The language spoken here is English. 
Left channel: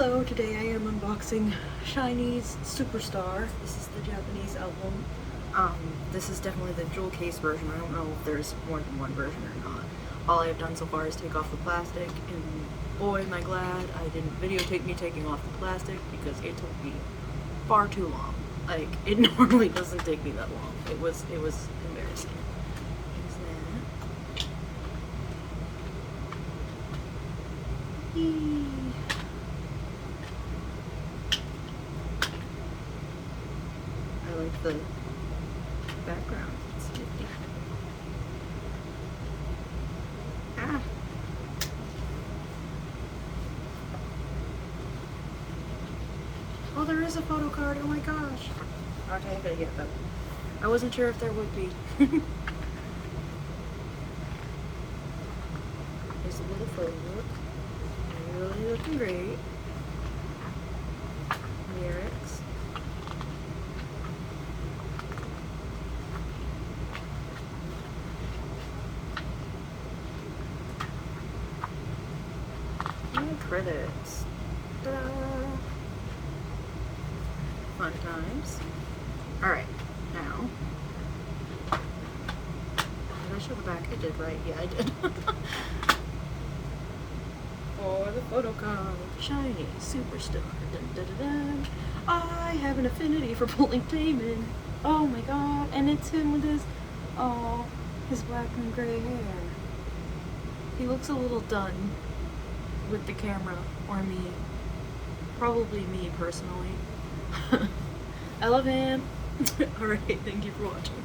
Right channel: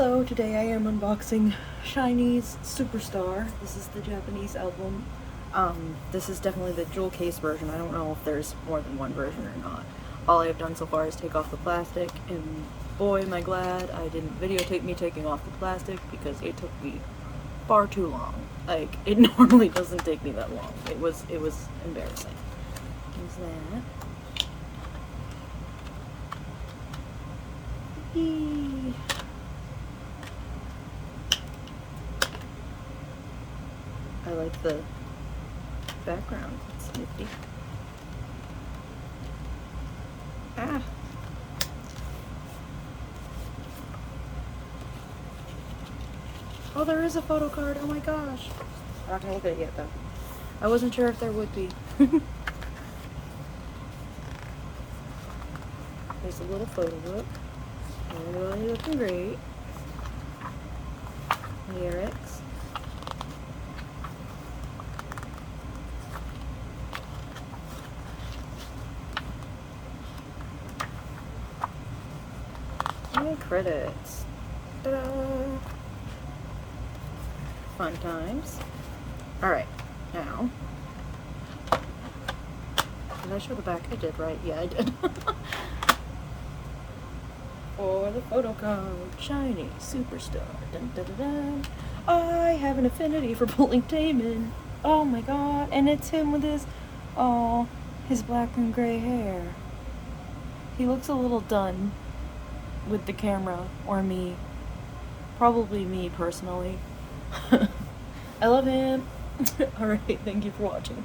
Hello, today I am unboxing SHINee's Superstar. This is the Japanese album. This is definitely the jewel case version. I don't know if there's more than one version or not. All I've done so far is take off the plastic, and boy am I glad I didn't videotape me taking off the plastic because it took me far too long. Like, it normally doesn't take me that long. It was embarrassing. There's that. Yee. I like the background. It's nifty. Ah. Oh, there is a photo card. Oh my gosh. Okay, I gotta get that. I wasn't sure if there would be. Here's a little photo book. Really looking great. Lyrics. And credits. Ta-da! Fun times. Alright, now. Did I show the back? I did, right? Yeah, I did. For the photo card, SHINee Superstar. Dun, dun, dun, dun. I have an affinity for pulling Damon. Oh my god. And it's him with his black and gray hair. He looks a little done with the camera, or me. Probably me, personally. I love him. Alright, thank you for watching.